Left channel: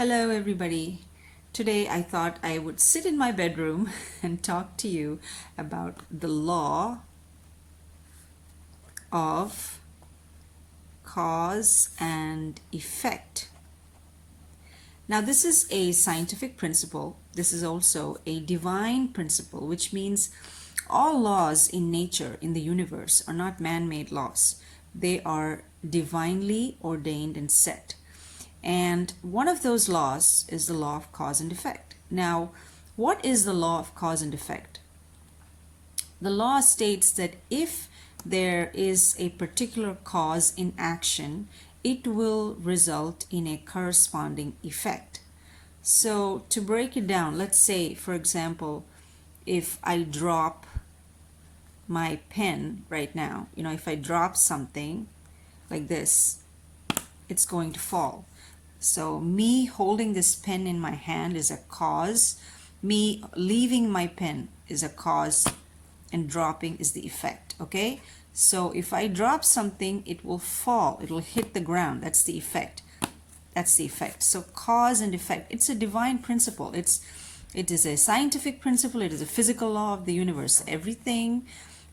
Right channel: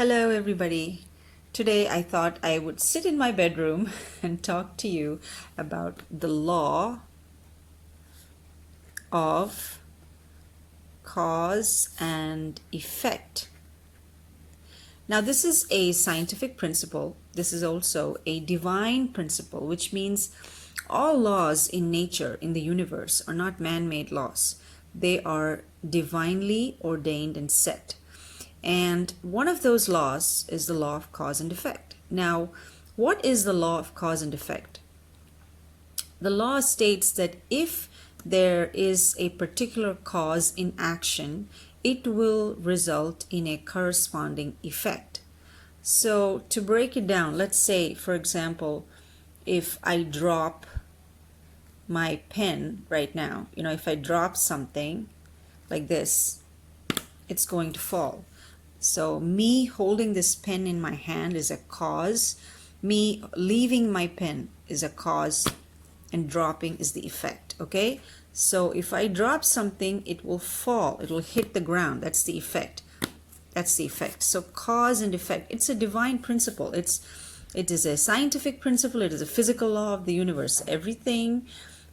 Hello, everybody. Today I thought I would sit in my bedroom and talk to you about the law of cause and effect. Now, this is a scientific principle. This is also a divine principle, which means all laws in nature, in the universe, are not man-made laws. They are divinely ordained and set. And one of those laws is the law of cause and effect. Now, what is the law of cause and effect? The law states that if there is a particular cause in action, it will result in a corresponding effect. So to break it down, let's say, for example, if I drop my pen right now, if I drop something like this, it's going to fall. So me holding this pen in my hand is a cause. Me leaving my pen is a cause, and dropping is the effect, okay? So if I drop something, it will fall. It will hit the ground. That's the effect. That's the effect. So cause and effect, it's a divine principle. It is a scientific principle. It is a physical law of the universe. Everything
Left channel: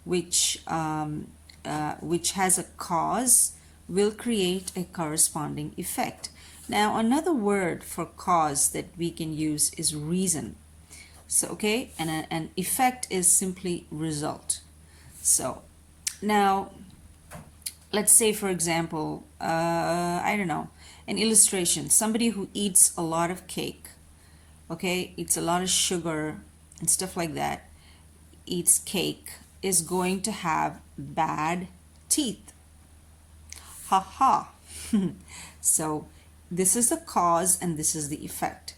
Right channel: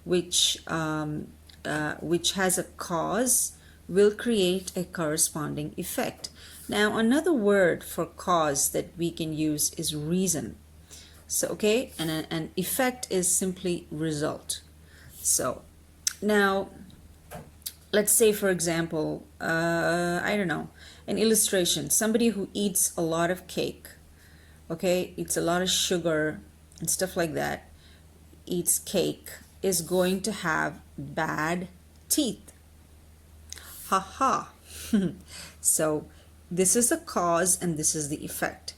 which has a cause will create a corresponding effect. Now, another word for cause that we can use is reason. So, okay, and an effect is simply result. So, now, let's say, for example, I don't know, an illustration. Somebody who eats a lot of cake, okay, eats a lot of sugar and stuff like that, eats cake, is going to have bad teeth. Ha ha. So, this is the cause and this is the effect.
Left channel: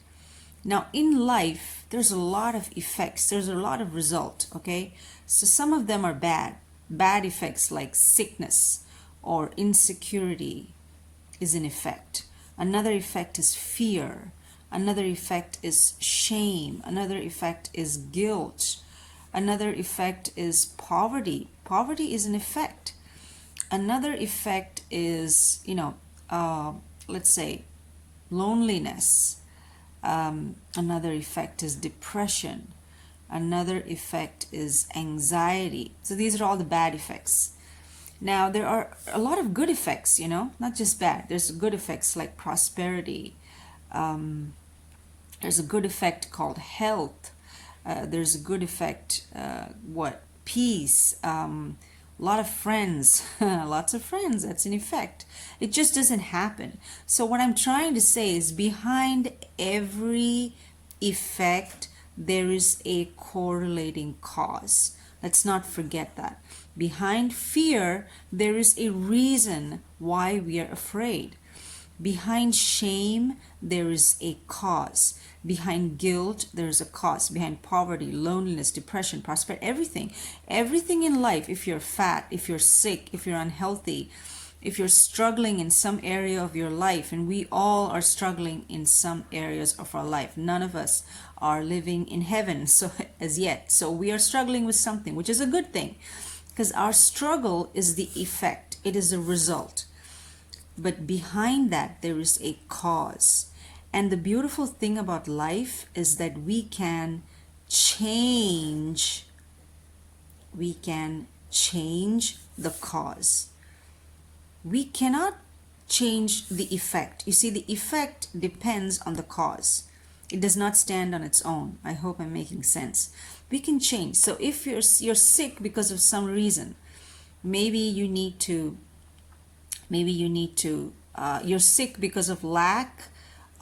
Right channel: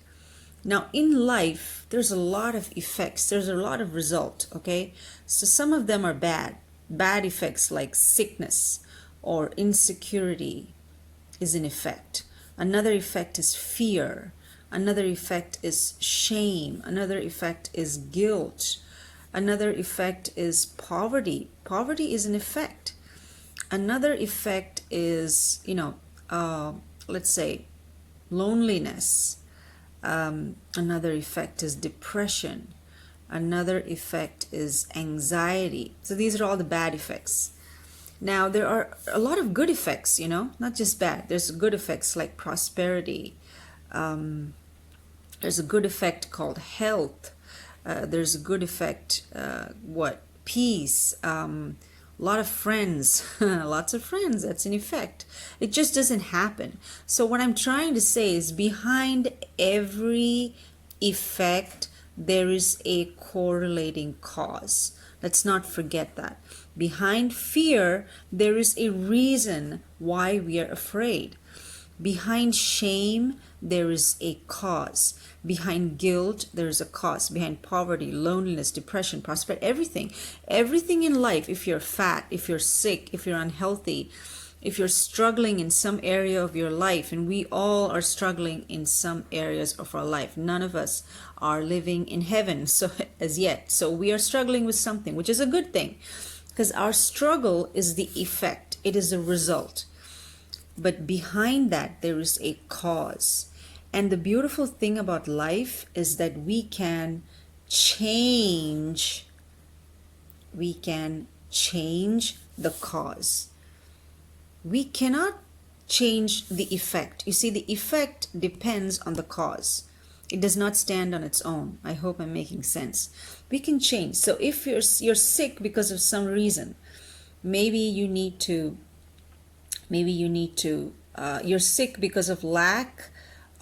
Now, in life, there's a lot of effects. There's a lot of result, okay? So some of them are bad. Bad effects like sickness or insecurity is an effect. Another effect is fear. Another effect is shame. Another effect is guilt. Another effect is poverty. Poverty is an effect. Another effect is, let's say, loneliness. Another effect is depression. Another effect is anxiety. So these are all the bad effects. Now, there are a lot of good effects, not just bad. There's good effects like prosperity. There's a good effect called health. There's a good effect, peace. A lot of friends, lots of friends, that's an effect. It just doesn't happen. So what I'm trying to say is behind every effect, there is a correlating cause. Let's not forget that. Behind fear, there is a reason why we are afraid. Behind shame, there is a cause. Behind guilt, there is a cause. Behind poverty, loneliness, depression, prosperity, everything in life, if you're fat, if you're sick, if you're unhealthy, if you're struggling in some area of your life, and we all are struggling in some areas of our life. None of us are living in heaven as yet. So we are struggling with something, which is a good thing, because our struggle is the effect. It is a result. But behind that, there is a cause. And the beautiful thing about life is that we can change the cause. We cannot change the effect. You see, the effect depends on the cause. It does not stand on its own. I hope I'm making sense. We can change. So if you're sick because of some reason, maybe you're sick because of lack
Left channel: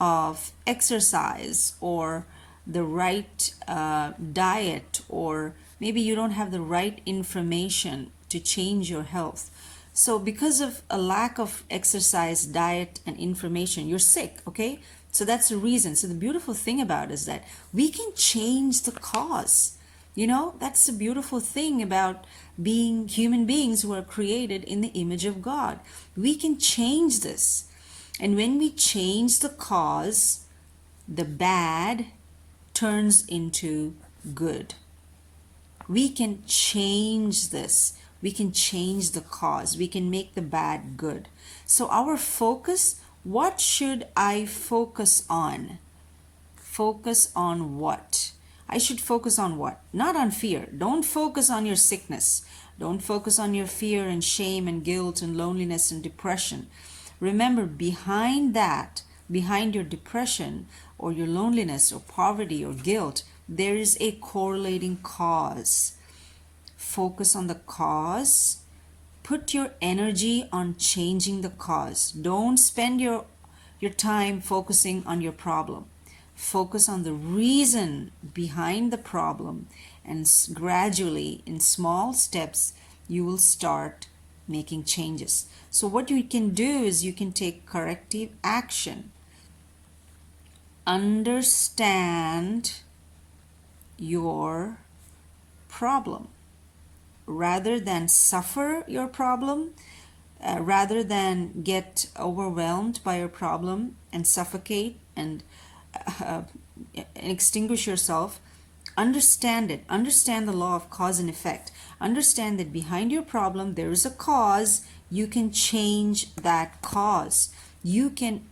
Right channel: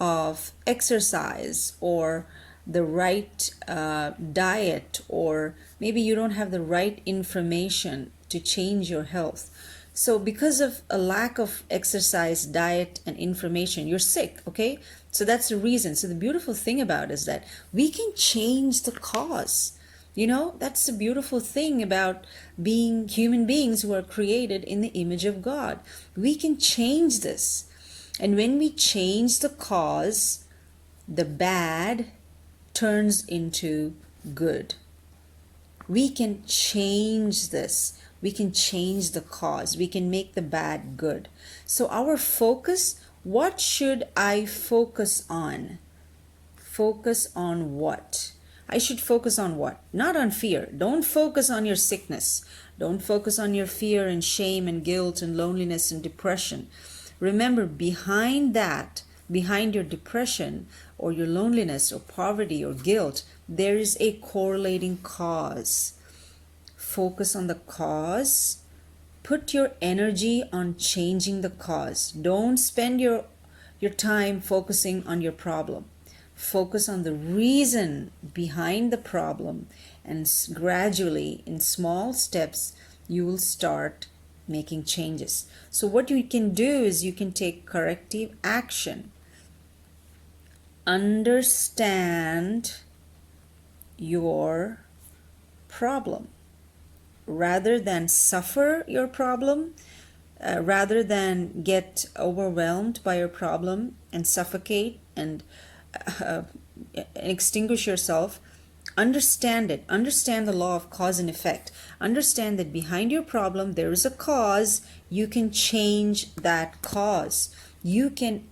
of exercise or the right diet, or maybe you don't have the right information to change your health. So because of a lack of exercise, diet, and information, you're sick, okay? So that's the reason. So the beautiful thing about it is that we can change the cause. That's the beautiful thing about being human beings who are created in the image of God. We can change this. And when we change the cause, the bad turns into good. We can change this. We can change the cause. We can make the bad good. So our focus What should I focus on? Focus on what? I should focus on what? Not on fear. Don't focus on your sickness. Don't focus on your fear and shame and guilt and loneliness and depression. Remember, behind that, behind your depression or your loneliness or poverty or guilt, there is a correlating cause. Focus on the cause. Put your energy on changing the cause. Don't spend your time focusing on your problem. Focus on the reason behind the problem, and gradually, in small steps, you will start making changes. So what you can do is you can take corrective action. Understand your problem rather than suffer your problem, rather than get overwhelmed by your problem and suffocate and extinguish yourself. Understand it. Understand the law of cause and effect. Understand that behind your problem there is a cause. You can change that cause. You can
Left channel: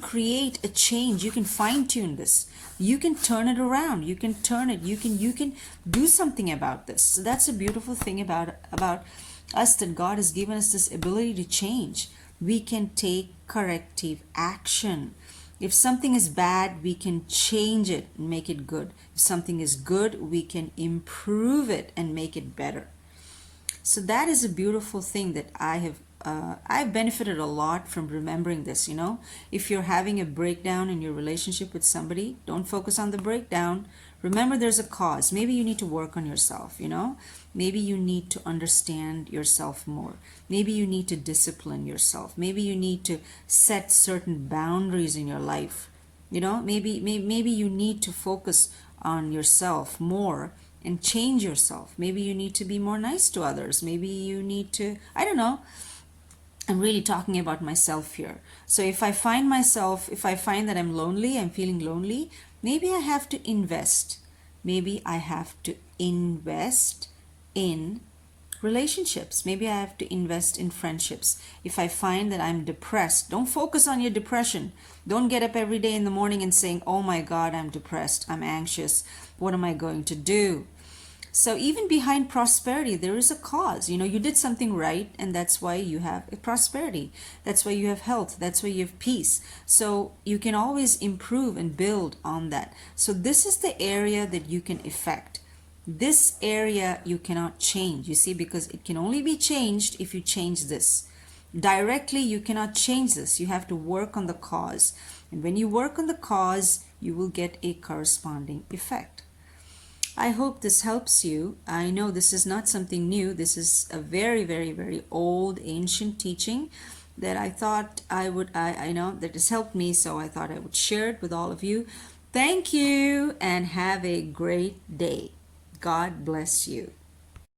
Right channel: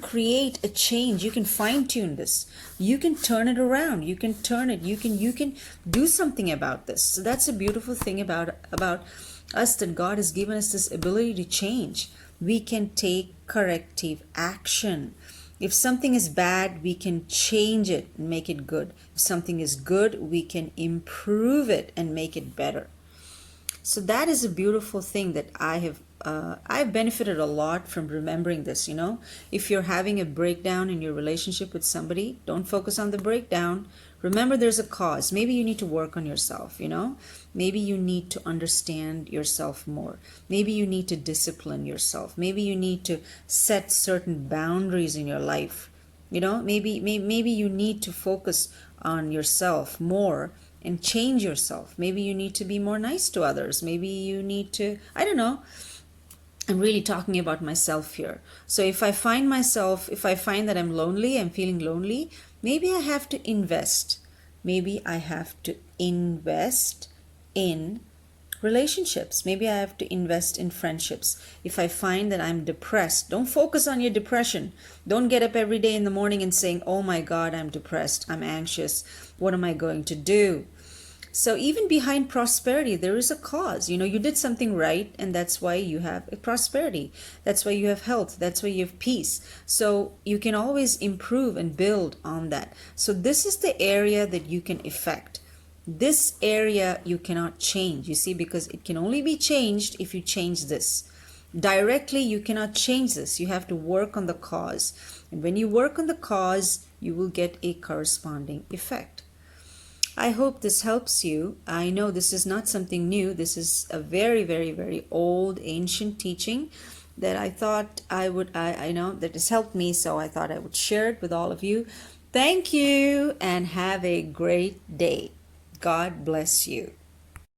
create a change. You can fine-tune this. You can turn it around. You can turn it. You can do something about this. So that's a beautiful thing about us, that God has given us this ability to change. We can take corrective action. If something is bad, we can change it and make it good. If something is good, we can improve it and make it better. So that is a beautiful thing that I've benefited a lot from remembering this. If you're having a breakdown in your relationship with somebody, don't focus on the breakdown. Remember, there's a cause. Maybe you need to work on yourself. Maybe you need to understand yourself more. Maybe you need to discipline yourself. Maybe you need to set certain boundaries in your life. Maybe you need to focus on yourself more and change yourself. Maybe you need to be more nice to others. Maybe you need to, I don't know. I'm really talking about myself here. So if I find that I'm lonely, I'm feeling lonely, maybe I have to invest. Maybe I have to invest in relationships. Maybe I have to invest in friendships. If I find that I'm depressed, don't focus on your depression. Don't get up every day in the morning and saying, oh my God, I'm depressed, I'm anxious, what am I going to do? So even behind prosperity, there is a cause. You did something right, and that's why you have prosperity. That's why you have health. That's why you have peace. So you can always improve and build on that. So this is the area that you can affect. This area you cannot change, you see, because it can only be changed if you change this. Directly, you cannot change this. You have to work on the cause. And when you work on the cause, you will get a corresponding effect. I hope this helps you. I know this is not something new. This is a very, very, very old, ancient teaching that I thought I know that has helped me, so I thought I would share it with all of you. Thank you, and have a great day. God bless you.